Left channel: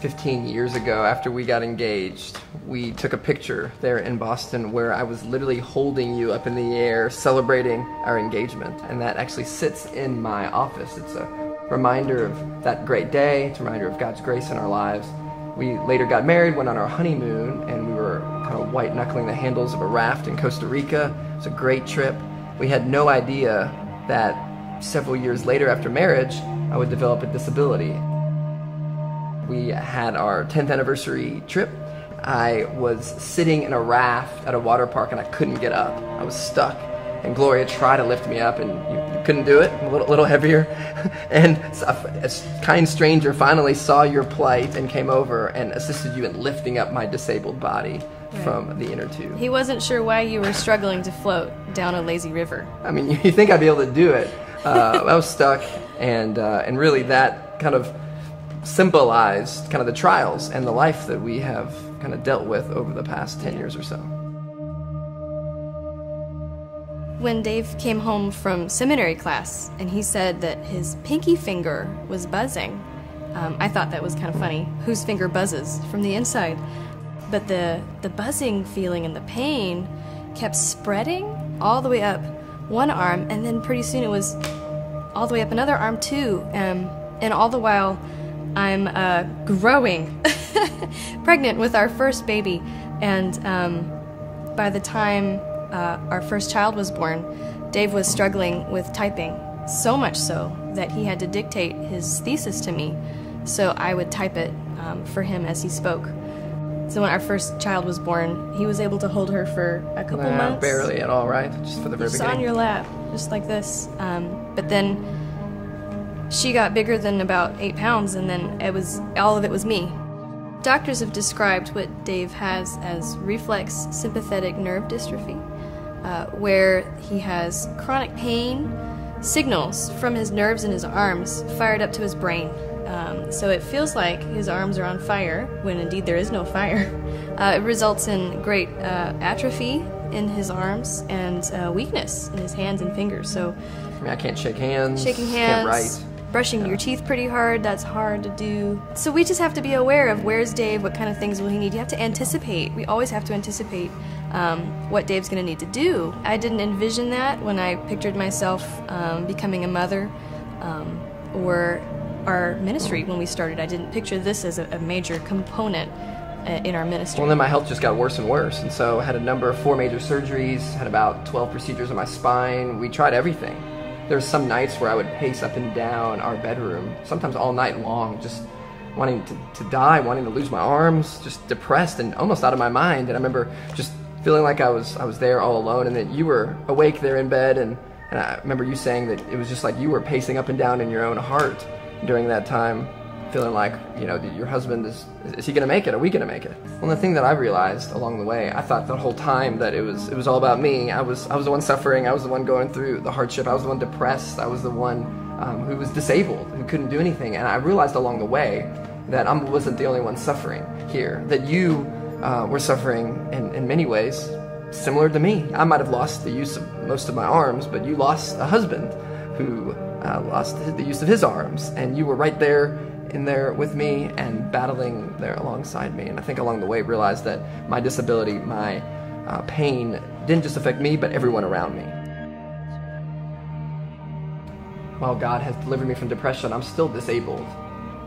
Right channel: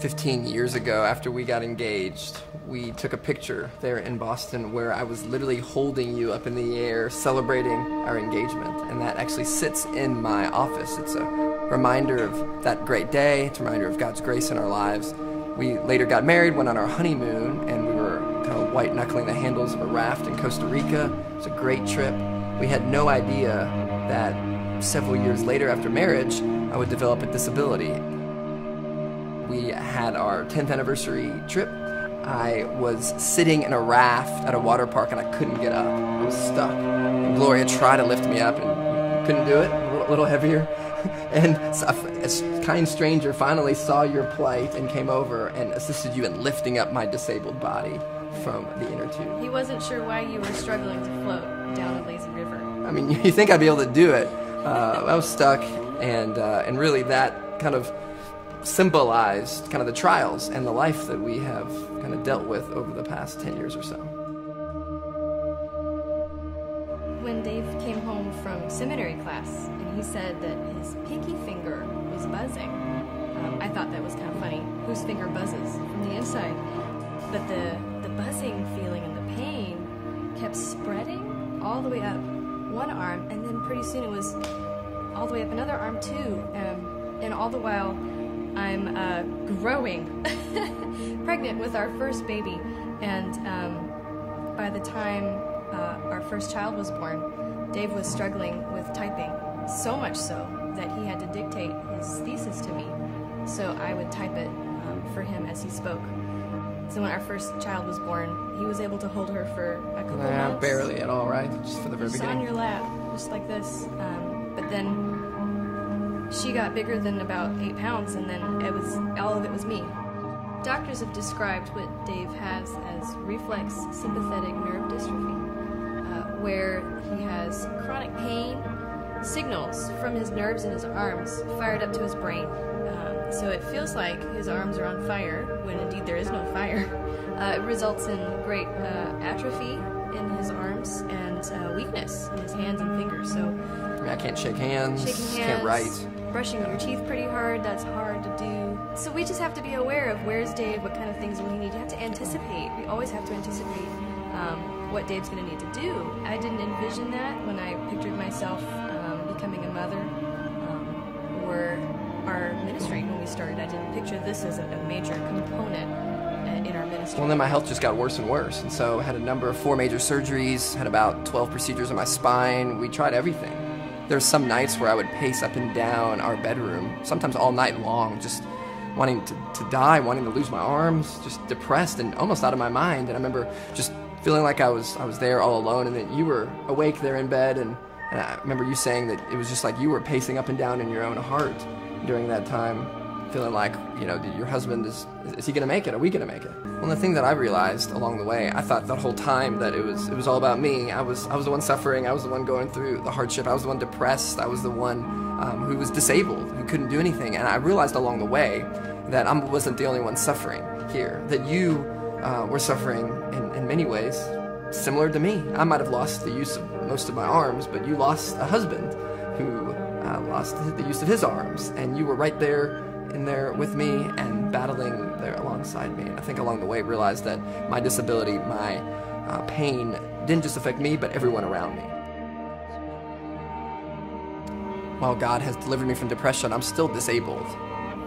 15 years ago, after we got engaged, we took a picture there in Boston where I was literally holding you up in the air, celebrating our engagement. And that actually sits in my office. It's a reminder of that great day. It's a reminder of God's grace in our lives. We later got married, went on our honeymoon, and we were kind of white-knuckling the handles of a raft in Costa Rica. It was a great trip. We had no idea that several years later after marriage, I would develop a disability. We had our 10th anniversary trip. I was sitting in a raft at a water park and I couldn't get up. I was stuck. And Gloria tried to lift me up and couldn't do it, a little heavier. And a kind stranger finally saw your plight and came over and assisted you in lifting up my disabled body from the inner tube. He wasn't sure why you were struggling to float down a lazy river. I mean, you think I'd be able to do it. I was stuck, and really that kind of symbolized kind of the trials and the life that we have kind of dealt with over the past 10 years or so. When Dave came home from seminary class and he said that his pinky finger was buzzing, I thought that was kind of funny. Whose finger buzzes? From the inside. But the buzzing feeling and the pain kept spreading all the way up one arm, and then pretty soon it was all the way up another arm too, and all the while I'm growing, pregnant with our first baby, and by the time our first child was born, Dave was struggling with typing, so much so that he had to dictate his thesis to me, so I would type it for him as he spoke. So when our first child was born, he was able to hold her for a couple months. Barely at all, right? Just for the very beginning. On your lap, just like this. But then she got bigger than about 8 pounds, and then all of it was me. Doctors have described what Dave has as reflex sympathetic nerve dystrophy, where he has chronic pain signals from his nerves in his arms fired up to his brain. So it feels like his arms are on fire, when indeed there is no fire. It results in great atrophy in his arms and weakness in his hands and fingers. So I mean, I can't shake hands, can't write. Brushing your teeth pretty hard, that's hard to do. So we just have to be aware of where's Dave, what kind of things will he need. You have to anticipate. We always have to anticipate what Dave's going to need to do. I didn't envision that when I pictured myself becoming a mother or our ministry when we started. I didn't picture this as a major component in our ministry. Well, then my health just got worse and worse, and so I had a number of 4 major surgeries, had about 12 procedures on my spine. We tried everything. There's some nights where I would pace up and down our bedroom, sometimes all night long, just wanting to die, wanting to lose my arms, just depressed and almost out of my mind. And I remember just feeling like I was there all alone, and that you were awake there in bed, and I remember you saying that it was just like you were pacing up and down in your own heart during that time, feeling like, you know, your husband is he going to make it? Are we going to make it? Well, the thing that I realized along the way, I thought the whole time that it was all about me. I was the one suffering. I was the one going through the hardship. I was the one depressed. I was the one who was disabled, who couldn't do anything. And I realized along the way that I wasn't the only one suffering here, that you were suffering in many ways similar to me. I might have lost the use of most of my arms, but you lost a husband who lost the use of his arms, and you were right there in there with me and battling there alongside me. And I think along the way realized that my disability, my pain didn't just affect me, but everyone around me. While God has delivered me from depression, I'm still disabled.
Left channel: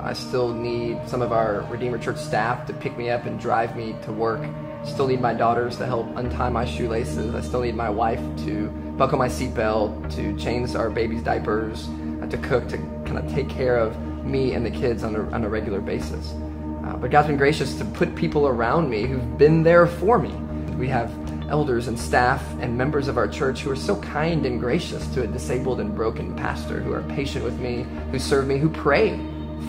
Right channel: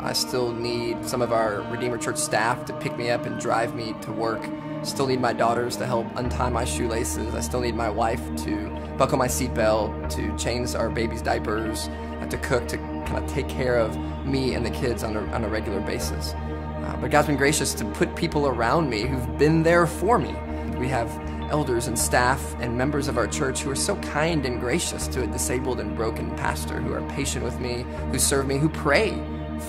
I still need some of our Redeemer Church staff to pick me up and drive me to work. Still need my daughters to help untie my shoelaces. I still need my wife to buckle my seatbelt, to change our baby's diapers, to cook, to kind of take care of me and the kids on a regular basis. But God's been gracious to put people around me who've been there for me. We have elders and staff and members of our church who are so kind and gracious to a disabled and broken pastor, who are patient with me, who serve me, who pray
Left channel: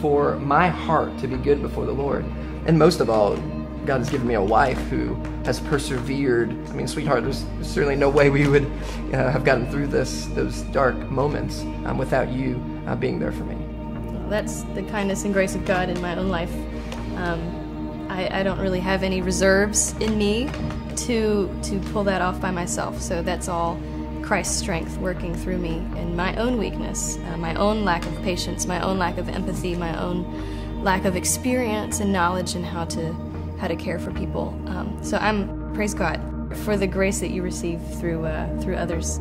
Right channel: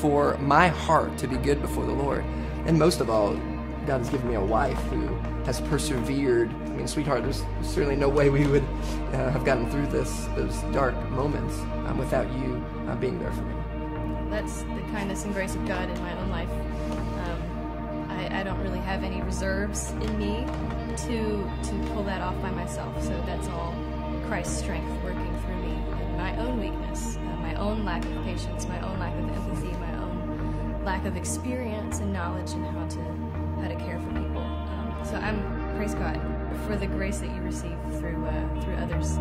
for my heart to be good before the Lord. And most of all, God has given me a wife who has persevered. I mean, sweetheart, there's certainly no way we would have gotten through those dark moments without you being there for me. That's the kindness and grace of God in my own life. I don't really have any reserves in me to pull that off by myself, so that's all Christ's strength working through me, and my own weakness, my own lack of patience, my own lack of empathy, my own lack of experience and knowledge in how to care for people. So I'm, praise God, for the grace that you receive through others.